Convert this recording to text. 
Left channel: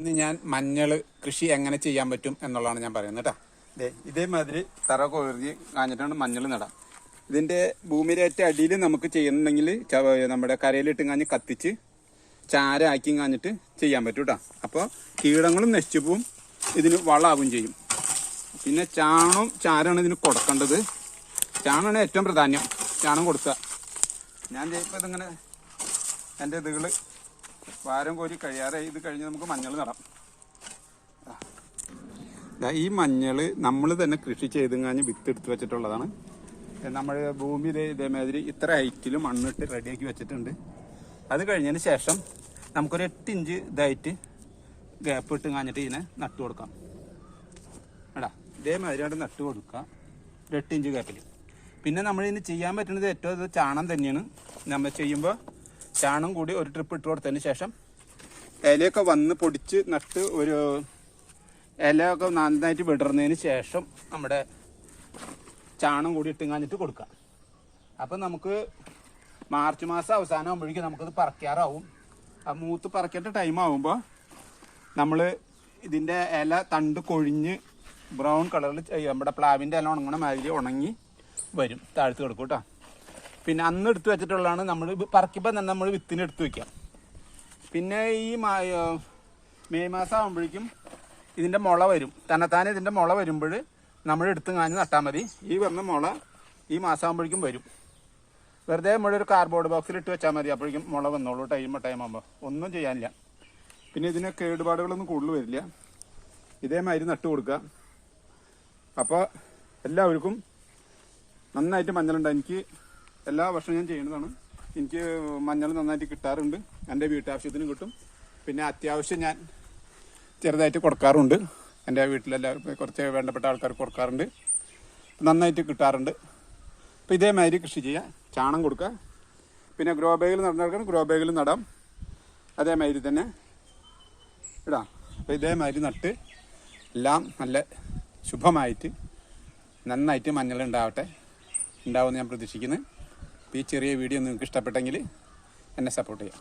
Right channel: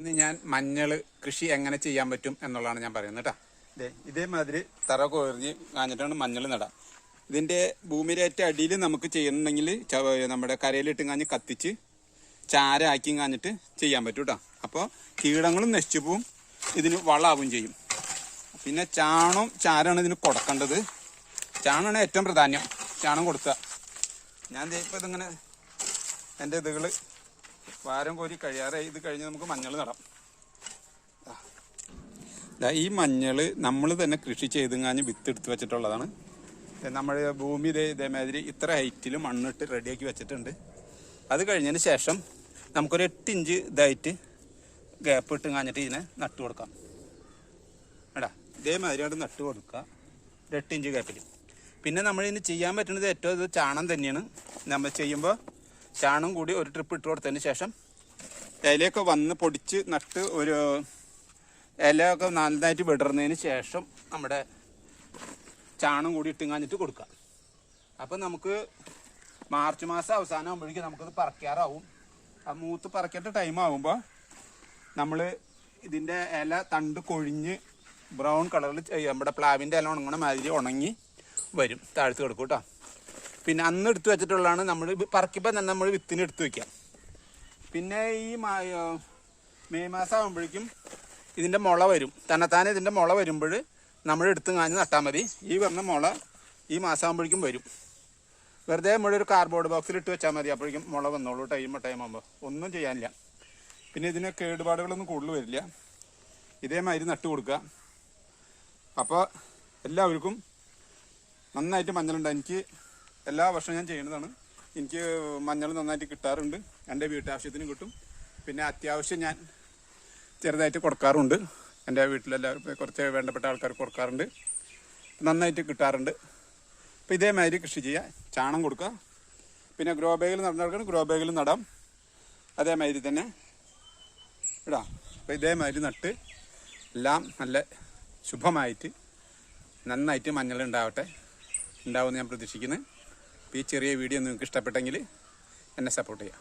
ഇന്ന് ഞാൻ മഞ്ഞൾ കൃഷി എങ്ങനെ ചെയ്യാൻ പറ്റും എന്നുള്ളതാണ് ഞാൻ പറയുന്നത് കേട്ടോ. ഇതേമാതിരി തറ കൊറിഞ്ഞ് കാഞ്ഞിട്ടാണ് മഞ്ഞൾ നടാം. ഇതിന്റെ ഭൂമിയിലേറ്റ അടിയിൽ നമുക്ക് ചെയ്യുന്നുണ്ടെങ്കിൽ നമ്മുടെ കരയിലിട്ട് കാഞ്ഞ് കത്തിച്ച് ചാരാക്കി കാഞ്ഞിട്ട് ചെയ്യാൻ പറ്റും കേട്ടോ. അപ്പോൾ കീടങ്ങളും നശിച്ചു പോവും, ഇതിന് വളമാവും ചെയ്യും. പിന്നെ ചാരമാണ് ഇതിന് കൊടുക്കേണ്ടത്. ചാണാണ് ഏറ്റവും പ്രധാനം. ചാണം കൊടുക്കുക. ഞാൻ ഇപ്പോൾ ഇതിങ്ങനെ എൻ്റെ ഇതുകൾ വാരം കോരി കഴിയാറായി. ഇത് കഴിഞ്ഞ് നമുക്ക് മഞ്ഞൾ നടാം. ഈ മഞ്ഞൾ നമ്മൾ തന്നെ കൃഷി ചെയ്തുങ്ങാഞ്ഞ് വിത്ത് എടുത്ത് വെച്ചിട്ടുള്ളതാണ്. നമ്മുടെ ഭൂമി ഇതേമാതിരി ഇത്ര ഹൈറ്റിൽ മണ്ണിട്ട് റെഡിയാക്കി വെച്ചിട്ടുണ്ട്. അത് കഴിഞ്ഞതിന് ശേഷം നമുക്കൊരു 8 ഇഞ്ച് ഇതായിട്ട് ഗ്യാപ്പ് ഇട്ട് കാഞ്ഞിട്ട് ഇതിനെ നട്ടു കൊടുക്കാം. എടാ ഇതേമാതിരി അവിടെ നട്ട് കൊടുക്കുക 8 ഇഞ്ച് ഗ്യാപ്പിൽ. പിന്നെ നമ്മളിതിന് ചെയ്യാൻ പറ്റുന്നത് ഏറ്റവും ഇത് ചാണം തന്നെയാണ്. നമ്മൾ ചെയ്യുമ്പോൾ ചാണം കൂടി ഒരു ട്രിപ്പ് ഇട്ട് കൊടുത്തതിന് ശേഷം ഇലയൊക്കെ വന്ന് പൊടിച്ച് നട്ട് ഒരു ഇലയൊക്കെ നന്നായിട്ട് വിടർന്നതിന് ശേഷം നമ്മുടെ ചാണം കൂടി ഇട്ടുങ്ങാഞ്ഞിട്ട് കൊടുക്കാം. അപ്പം നമുക്ക് മാർച്ച് മാസം അവസാനം ആകുമ്പോഴേക്കും നമുക്കത് പറിക്കാറാവും. ആ മൂത്ത് പറിക്കേണ്ട ടൈം ആകുമ്പോൾ നമ്മൾ ഇതിൻ്റെ ഇല തണ്ട് കൊഴിഞ്ഞ് ബ്രൗൺ കളറിൽ നമ്മുടെ പ്ലാവിൻ്റെ ഇല ഉണങ്ങണ മാതിരി ഉണങ്ങി വരും. താഴ്ത്ത് കൊടുക്കും കേട്ടോ. പിന്നെ അന്ന് എടുത്ത് വെച്ചിട്ടുള്ളതാണ്. നമ്മൾ പറിക്കുമ്പോൾ തന്നെ നമ്മൾ വിത്തിന് എടുത്ത് വയ്ക്കാം. പിന്നെ ഈ മെയ് മാസം ആകുമ്പോഴേക്കും ഇതിൻ്റെ മുള വരും. തന്നെത്താനെ ഇതിൻ്റെ മുള വരുമ്പോൾ നമ്മൾ എടുത്ത് കാഞ്ഞ് നട്ടാൽ മതി. ഈ പറഞ്ഞ മുള ഈ മാസം ആകുമ്പോഴേക്കും വരും. വെറുതെ നമ്മളൊരു കാർഡ്ബോർഡ് ബോക്സിൽ ഇട്ട് വെച്ചാൽ മതി. അപ്പോഴേക്കും മുള വന്നോളൂ. ടൈം ആകുമ്പോൾ ഒന്നും ചെയ്യാനില്ല. പിന്നെ ഇതിന് കേടുപാടുകളൊന്നും കൂടുതൽ വരില്ല. ഇതേമാതിരി നട്ട് കൊടുക്കുക. അപ്പോൾ എല്ലാവർക്കും നന്നായിട്ട് മഞ്ഞളുണ്ട്. എനിക്ക് എല്ലാ വർഷവും ഞാൻ ചെയ്യുന്നതാണ്. എനിക്ക് മഞ്ഞൾ നന്നായിട്ട് കിട്ടാറുണ്ട്. എൻ്റെ വീട്ടാവശ്യത്തിന് കിട്ടും. പിന്നെ അത്യാവശ്യം ഞാൻ ചെറുതായിട്ട് കൊടുക്കാറുണ്ട്. എൻ്റെ വീട്ടിലെല്ലാവർക്കും കുറച്ച് വേണ്ടപ്പെട്ട ആൾക്കാർക്ക് കൊടുക്കാറുണ്ട്. നന്നായിട്ട് കിട്ടാറുണ്ട്. അപ്പോൾ ഇതേമാതിരി കൃഷി ചെയ്യാം. ചാണം കൊടുക്കുക. പിന്നെ ഗ്രോ ബാഗിൽ നടന്നെടുക്കണം. ഗ്രോ ബാഗിൽ നടാം. അതേമാതിരി തന്നെ ഇടാം. അപ്പോൾ ഇതേമാതിരി നട്ട് എല്ലാം നല്ല ശുഭമായിട്ട് നന്നായിട്ട് മഞ്ഞൾ ഉണ്ടാവുമെന്ന് ഞാൻ പ്രതീക്ഷിക്കുന്നു. ഈ ചെറിയ വീഡിയോ നിങ്ങൾക്ക് ഇഷ്ടപ്പെട്ടെങ്കിൽ എന്നെ സപ്പോർട്ട് ചെയ്യാം.